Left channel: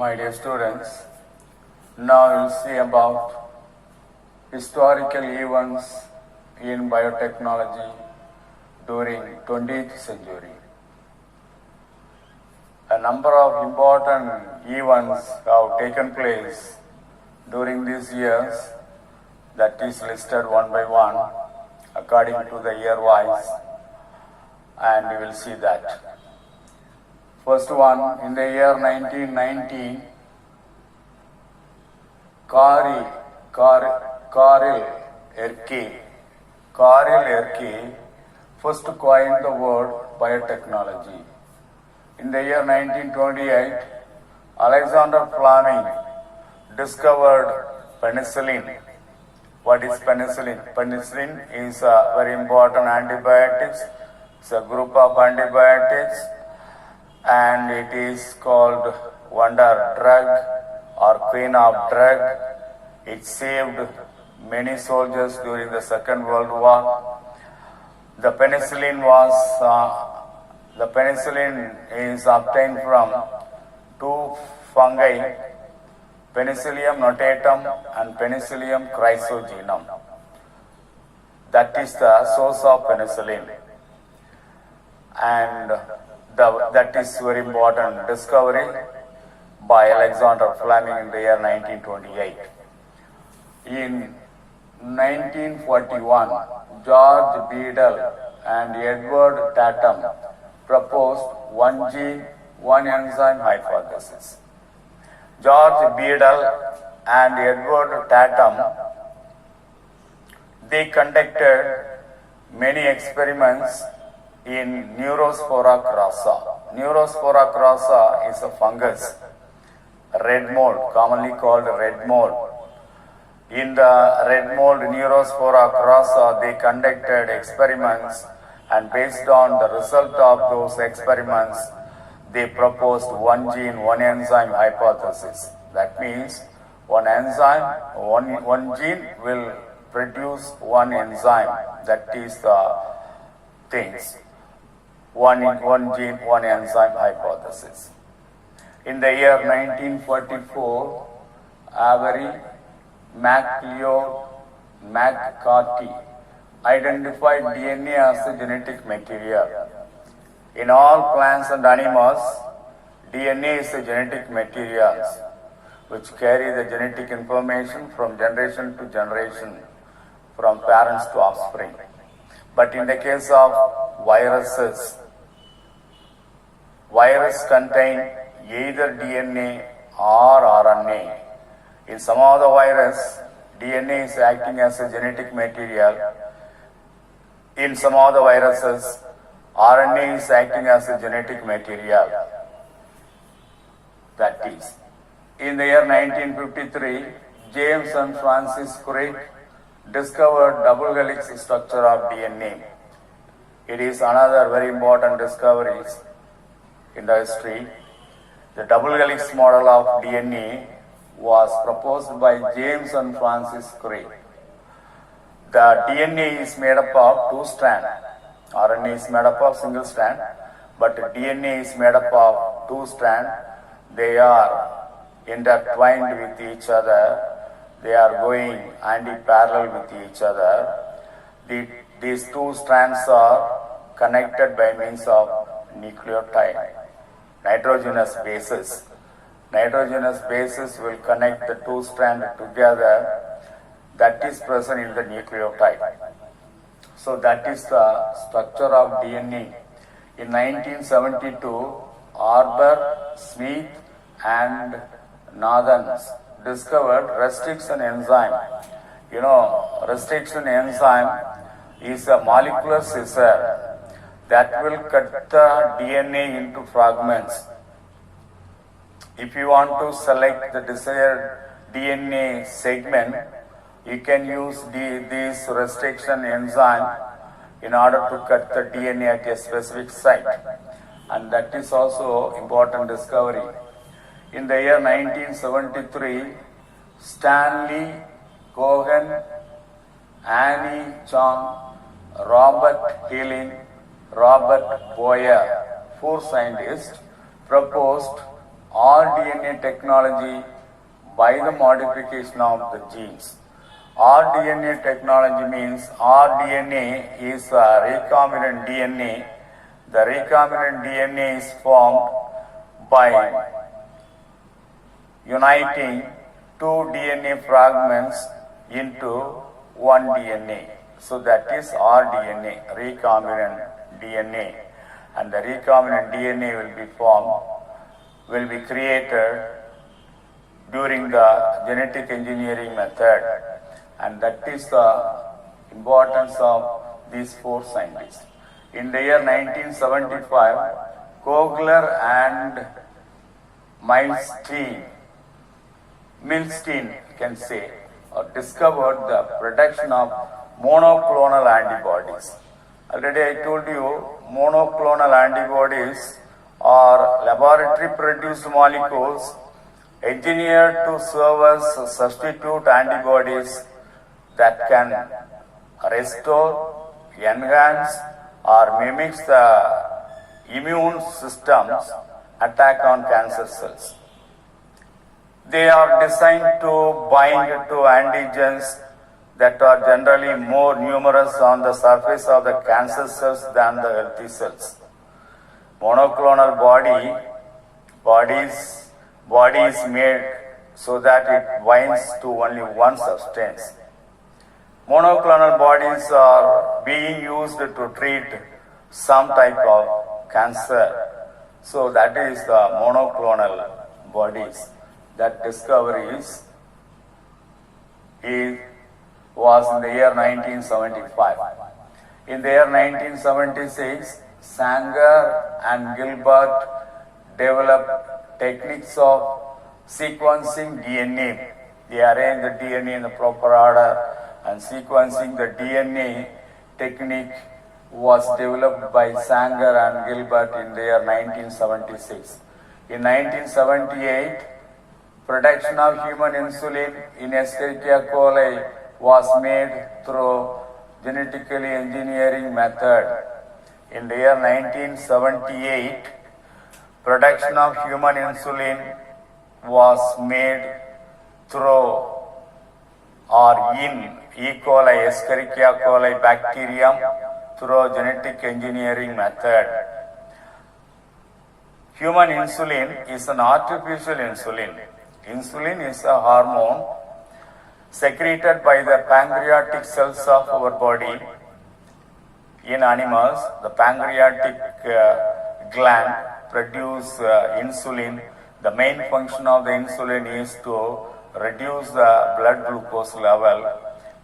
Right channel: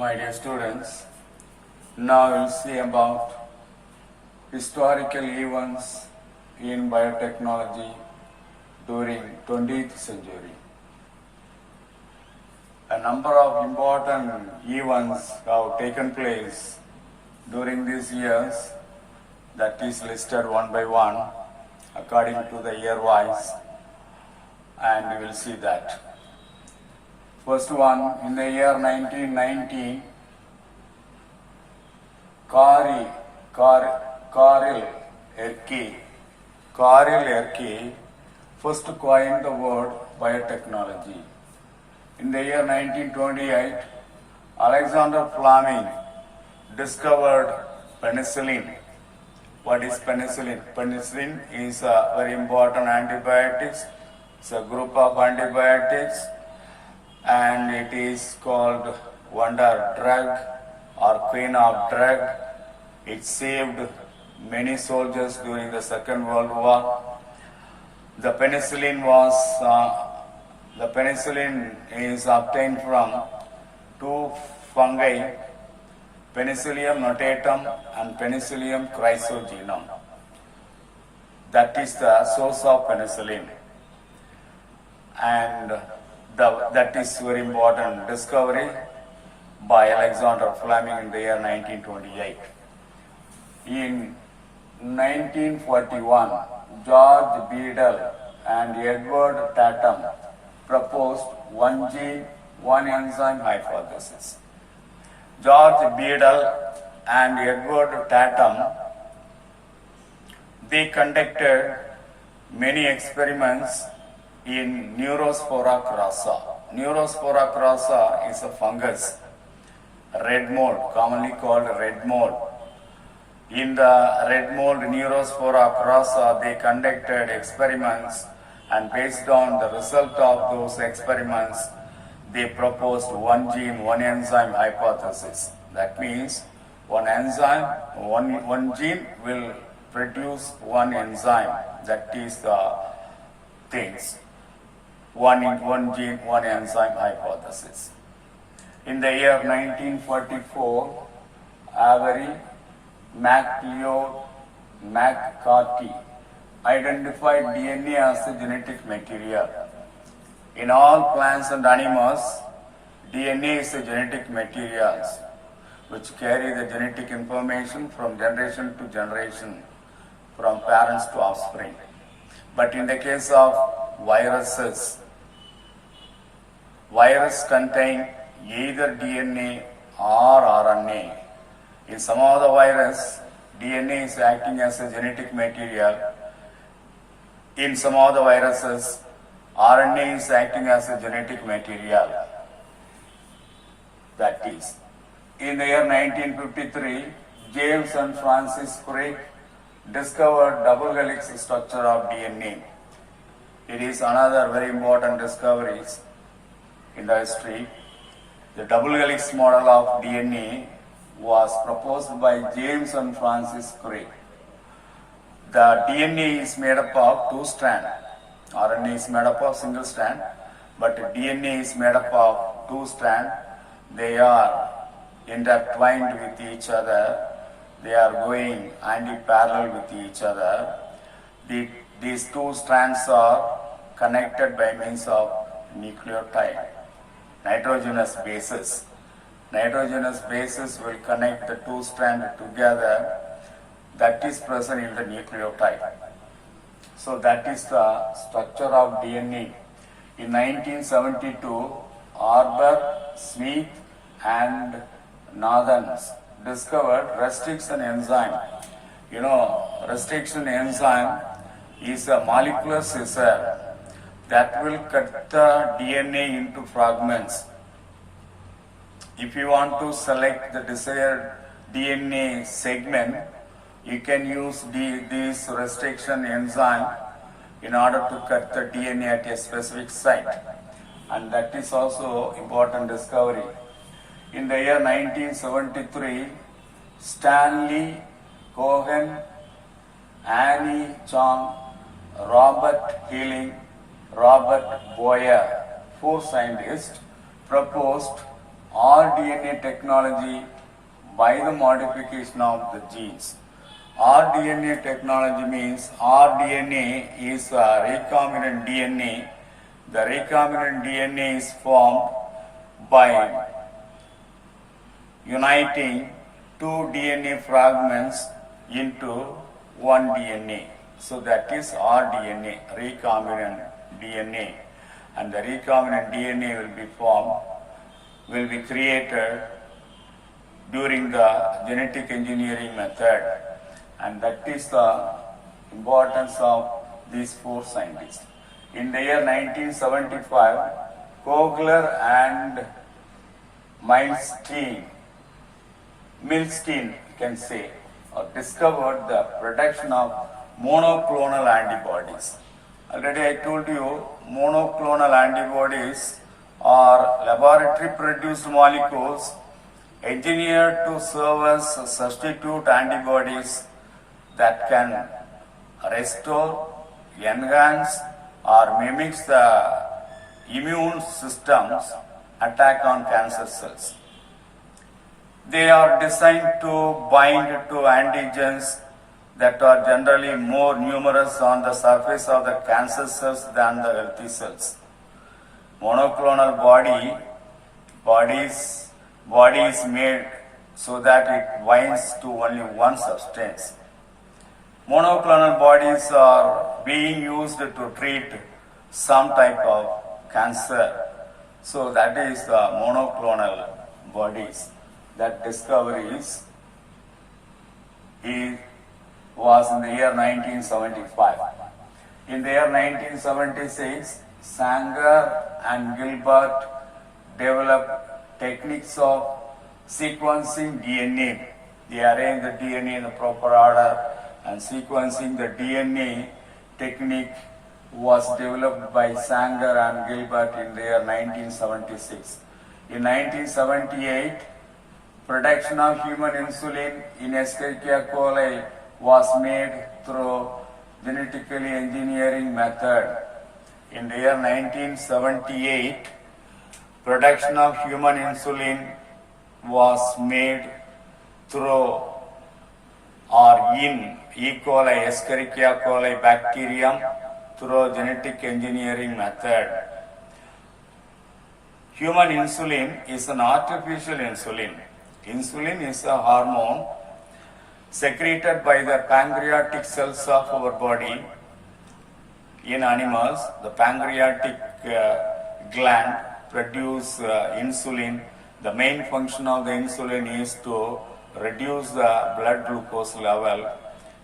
My dear students, now we'll see about historical events in biotechnology during 20th century. A number of important events have taken place during these years, that is listed one by one according to the year wise, and we will see that. First one, in the year 1919, Karel Erke first coined the word biotechnology. In the year 1928, Alexander Fleming discovered penicillin. What is penicillin? Penicillin is a very important antibiotics. It's a group of antibiotics, and it is called wonder drug or queen of drug. It saved many soldiers during the Second World War. The penicillin is obtained from two fungi, Penicillium notatum and Penicillium chrysogenum. That is the source of penicillin, and that is very important discovery by Alexander Fleming in the year 1928. In 1941, George Beadle and Edward Tatum proposed one gene, one enzyme hypothesis. George Beadle and Edward Tatum, they conducted many experiments in Neurospora crassa. Neurospora crassa is a fungus, red mold, commonly called red mold. In the red mold Neurospora crassa, they conducted experiments, and based on the result of those experiments, they proposed one gene, one enzyme hypothesis. That means one enzyme, one gene will produce one enzyme. That is the things. One gene, one enzyme hypothesis. In the year 1944, Avery McCarthy identified DNA as a genetic material. In all plants and animals, DNA is a genetic material which carry the genetic information from generation to generation, from parents to offspring. But in the case of viruses, viruses contain either DNA or RNA. In some of the virus, DNA is acting as a genetic material. In some of the viruses, RNA is acting as a genetic material. That is, in the year 1953, James and Francis Crick discovered double helix structure of DNA. It is another very important discovery in the history. The double helix model of DNA was proposed by James and Francis Crick. The DNA is made up of two strands. RNA is made up of single strand, but DNA is made up of two strands. They are intertwined with each other. They are going anti-parallel with each other. These two strands are connected by means of nucleotide, nitrogenous bases. Nitrogenous bases will connect the two strands together. That is present in the nucleotide. So that is the structure of DNA. In 1972, Arbor, Smith and Nathans discovered restriction enzyme. You know, restriction enzyme is a molecular scissor that will cut the DNA into fragments. If you want to select the desired DNA segment, you can use this restriction enzyme in order to cut the DNA at a specific site. And that is also important discovery. In the year 1973, Stanley Cohen, Annie Chang, Robert Healing, Robert Boyer, four scientists proposed rDNA technology by the modification of the genes. rDNA technology means rDNA is a recombinant DNA. The recombinant DNA is formed by uniting two DNA fragments into one DNA. So that is rDNA, recombinant DNA. And the recombinant DNA will be created during the genetic engineering method. And that is the importance of these four scientists. In the year 1975, Kogler and Milstein can say, discovered the production of monoclonal antibodies. Already I told you, monoclonal antibodies are laboratory produced molecules engineered to serve as substitute antibodies that can restore, enhance, or mimics the immune system's attack on cancer cells. They are designed to bind to antigens that are generally more numerous on the surface of the cancer cells than the healthy cells. Monoclonal body is made so that it binds to only one substance. Monoclonal bodies are being used to treat some type of cancer. So that is the monoclonal bodies. That discoveries was in the year 1975. In the year 1976, Sanger and Gilbert developed techniques of sequencing DNA. They arrange the DNA in the proper order, and sequencing the DNA technique was developed by Sanger and Gilbert in the year 1976. In 1978, production of human insulin in Escherichia coli was made through genetically engineering method. In the year 1978, production of human insulin was made through or in E. coli, Escherichia coli bacterium through genetic engineering method. Human insulin is an artificial insulin. Insulin is a hormone secreted by the pancreatic cells of our body. In animals, the pancreatic gland produce insulin. The main function of the insulin is to reduce the blood glucose level.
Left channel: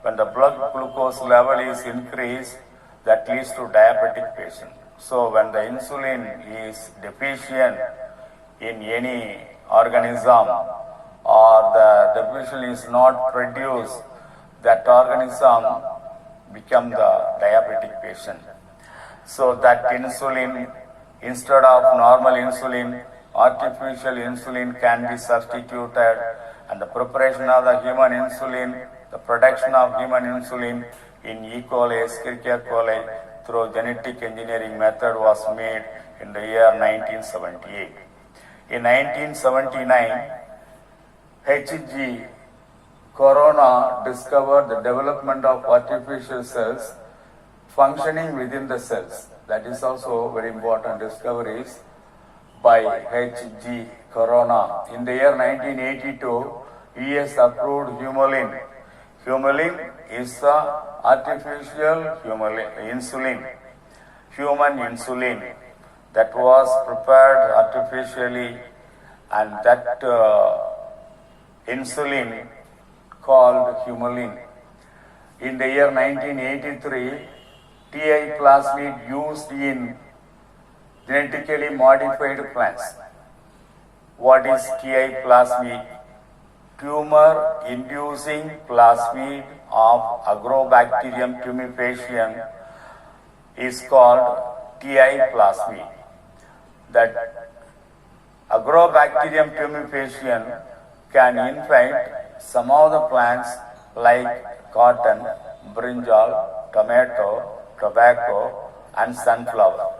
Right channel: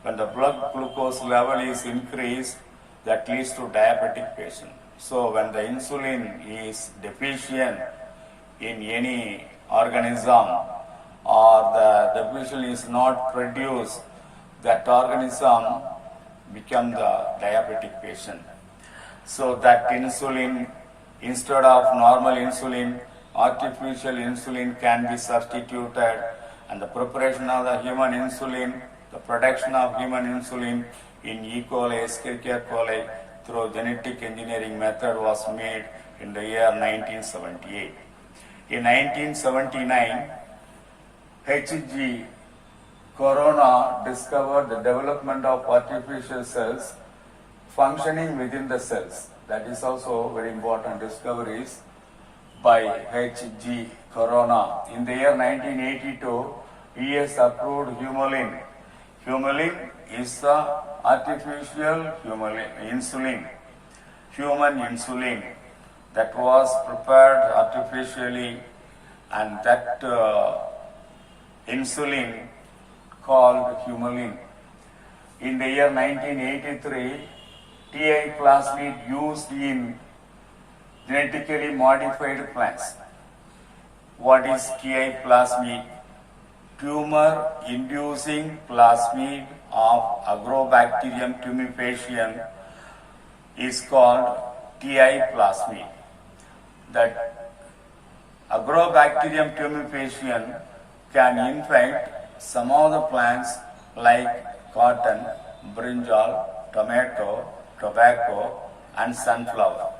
When the blood glucose level is increased, that leads to diabetic patient. So when the insulin is deficient in any organism, or the deficient is not produced, that organism become the diabetic patient. So that insulin, instead of normal insulin, artificial insulin can be substituted, and the preparation of the human insulin, the production of human insulin in E. coli, Escherichia coli through genetic engineering method was made in the year 1978. In 1979, H.G. Corona discovered the development of artificial cells functioning within the cells. That is also very important discoveries by H.G. Corona. In the year 1982, US approved Humulin. Humulin is the artificial insulin, human insulin that was prepared artificially, and that insulin called Humulin. In the year 1983, TI plasmid used in genetically modified plants. What is TI plasmid? Tumor-inducing plasmid of Agrobacterium tumefaciens is called TI plasmid. That Agrobacterium tumefaciens can infect some of the plants like cotton, brinjal, tomato, tobacco, and sunflower.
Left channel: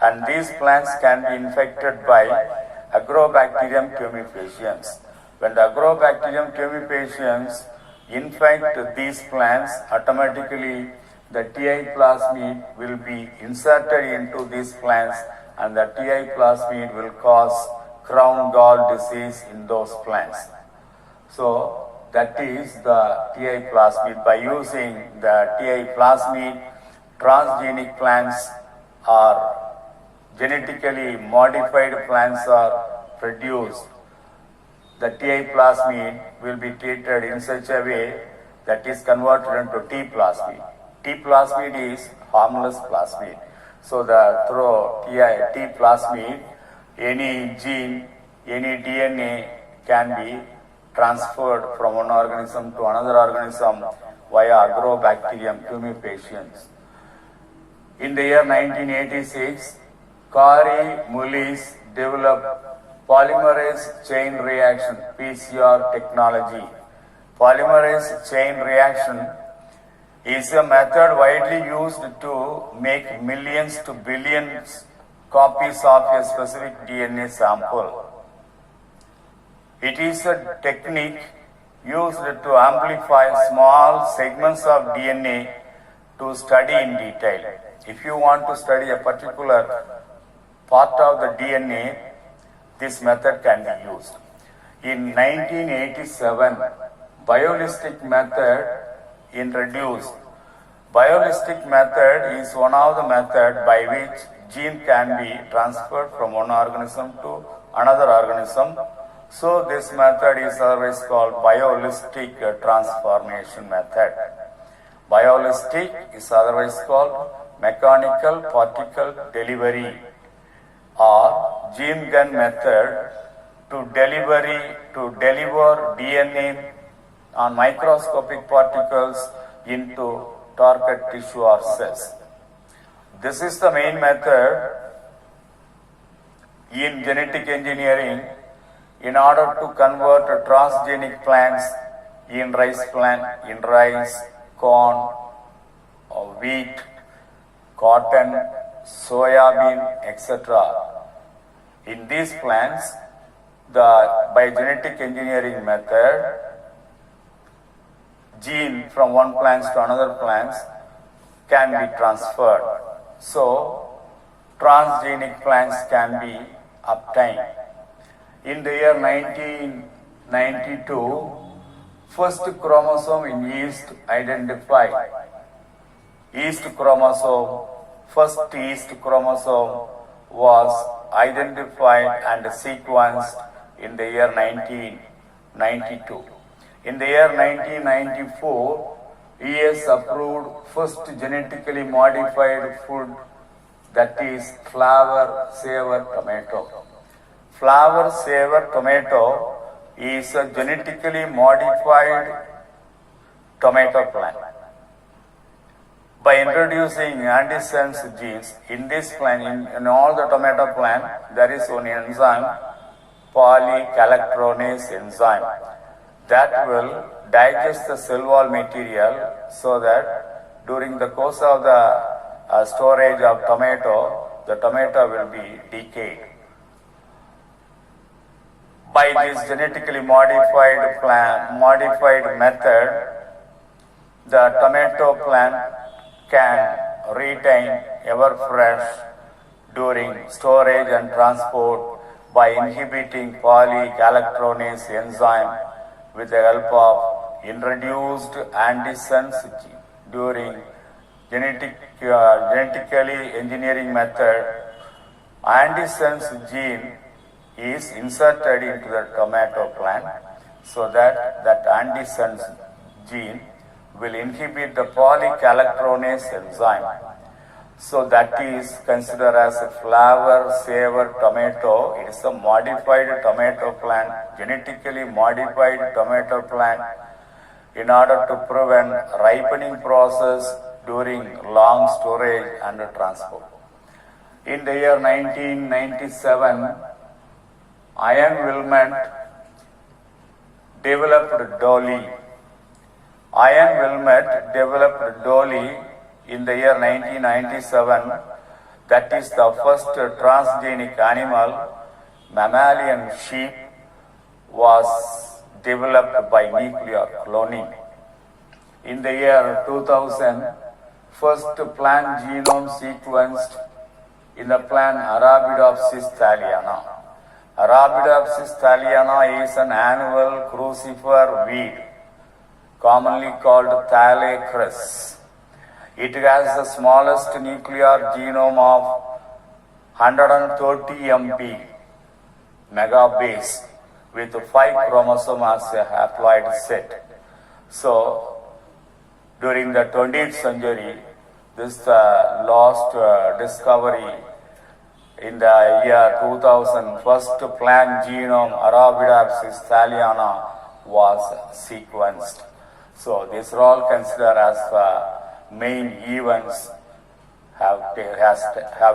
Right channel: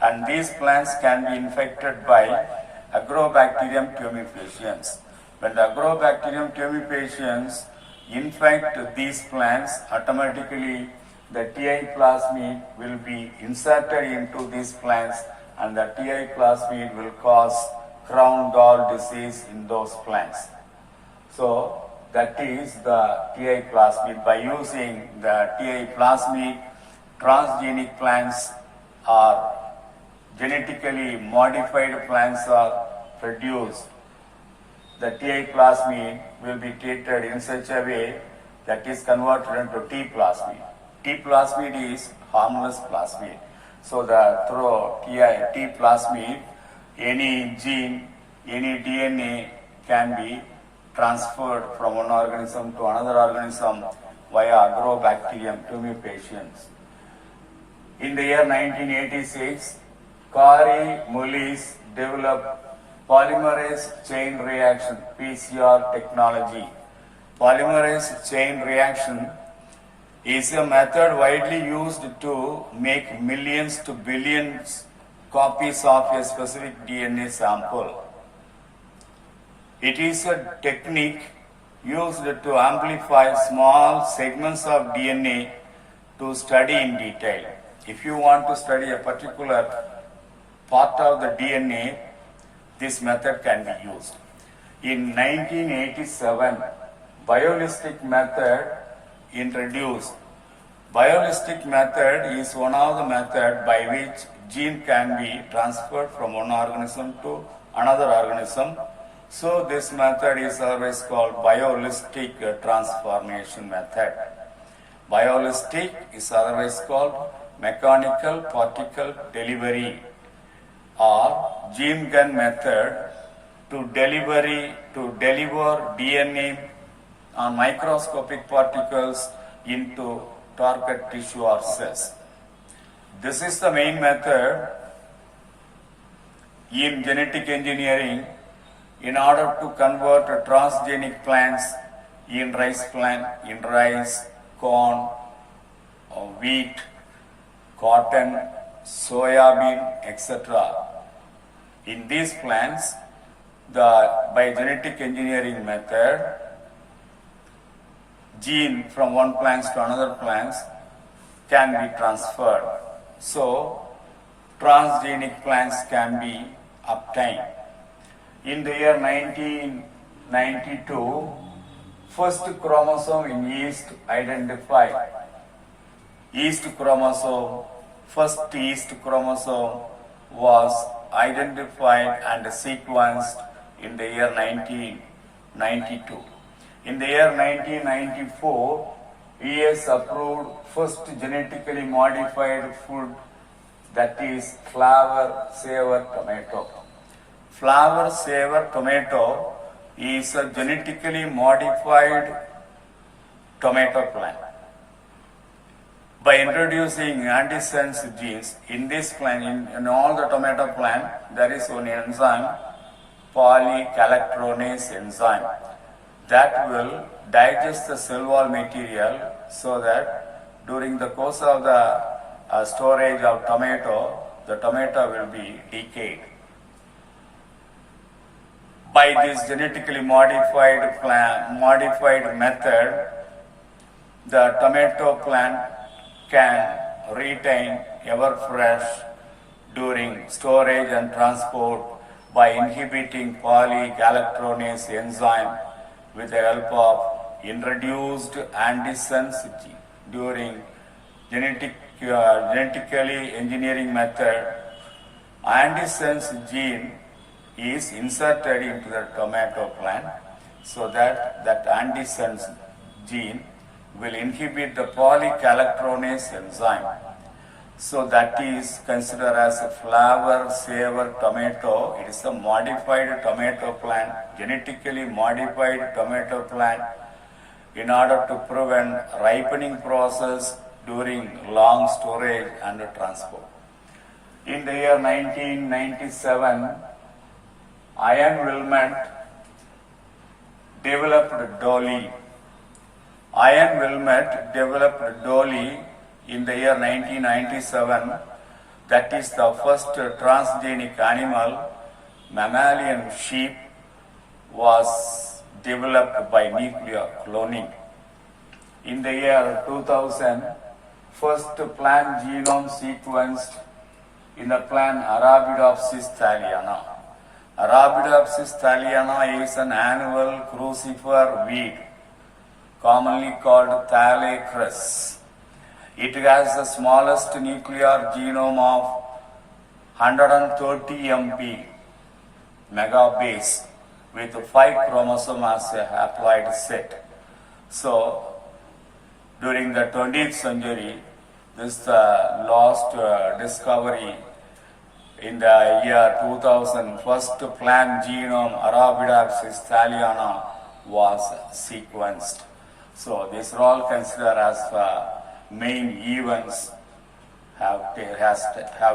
And these plants can be infected by Agrobacterium tumefaciens. When the Agrobacterium tumefaciens infect these plants, automatically the TI plasmid will be inserted into these plants and the TI plasmid will cause crown gall disease in those plants. So that is the TI plasmid. By using the TI plasmid, transgenic plants are genetically modified plants are produced. The TI plasmid will be treated in such a way that is converted into T plasmid. T plasmid is harmless plasmid. So through T plasmid, any gene, any DNA can be transferred from one organism to another organism via Agrobacterium tumefaciens. In the year 1986, Kari Mullis developed polymerase chain reaction (PCR) technology. Polymerase chain reaction is a method widely used to make millions to billions copies of a specific DNA sample. It is a technique used to amplify small segments of DNA to study in detail. If you want to study a particular part of the DNA, this method can be used. In 1987, biolistic method introduced. Biolistic method is one of the methods by which gene can be transferred from one organism to another organism. So this method is always called biolistic transformation method. Biolistic is otherwise called mechanical particle delivery or gene gun method to deliver DNA on microscopic particles into target tissue or cells. This is the main method in genetic engineering in order to convert transgenic plants in rice, corn, wheat, cotton, soya bean, etc. In these plants, by genetic engineering method, gene from one plant to another plant can be transferred. So, transgenic plants can be obtained. In the year 1992, first chromosome in yeast identified. First yeast chromosome was identified and sequenced in the year 1992. In the year 1994, US approved first genetically modified food, that is flower saver tomato. Flower saver tomato is a genetically modified tomato plant. By introducing antisense genes in this plant, in all the tomato plant, there is one enzyme, polygalactronase enzyme, that will digest the cell wall material so that during the course of the storage of tomato, the tomato will be decayed. By this genetically modified method, the tomato plant can retain ever fresh during storage and transport by inhibiting polygalactronase enzyme with the help of introduced antisense gene. During genetically engineering method, antisense gene is inserted into the tomato plant so that antisense gene will inhibit the polygalactronase enzyme. So that is considered as a flower saver tomato. It is a modified tomato plant, genetically modified tomato plant in order to prevent ripening process during long storage and transport. In the year 1997, Ian Wilmot developed Dolly. Ian Wilmot developed Dolly in the year 1997. That is the first transgenic animal mammalian sheep was developed by nuclear cloning. In the year 2000, first plant genome sequenced in the plant Arabidopsis thaliana. Arabidopsis thaliana is an annual crucifer weed, commonly called Thalicris. It has the smallest nuclear genome of 130 MP megabase with 5 chromosomes as a haploid set. So, during the 20th century, this lost discovery in the year 2000, first plant genome Arabidopsis thaliana was sequenced. So these are all considered as main events have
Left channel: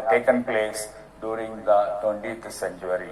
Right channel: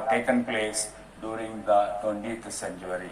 taken place during the 20th century.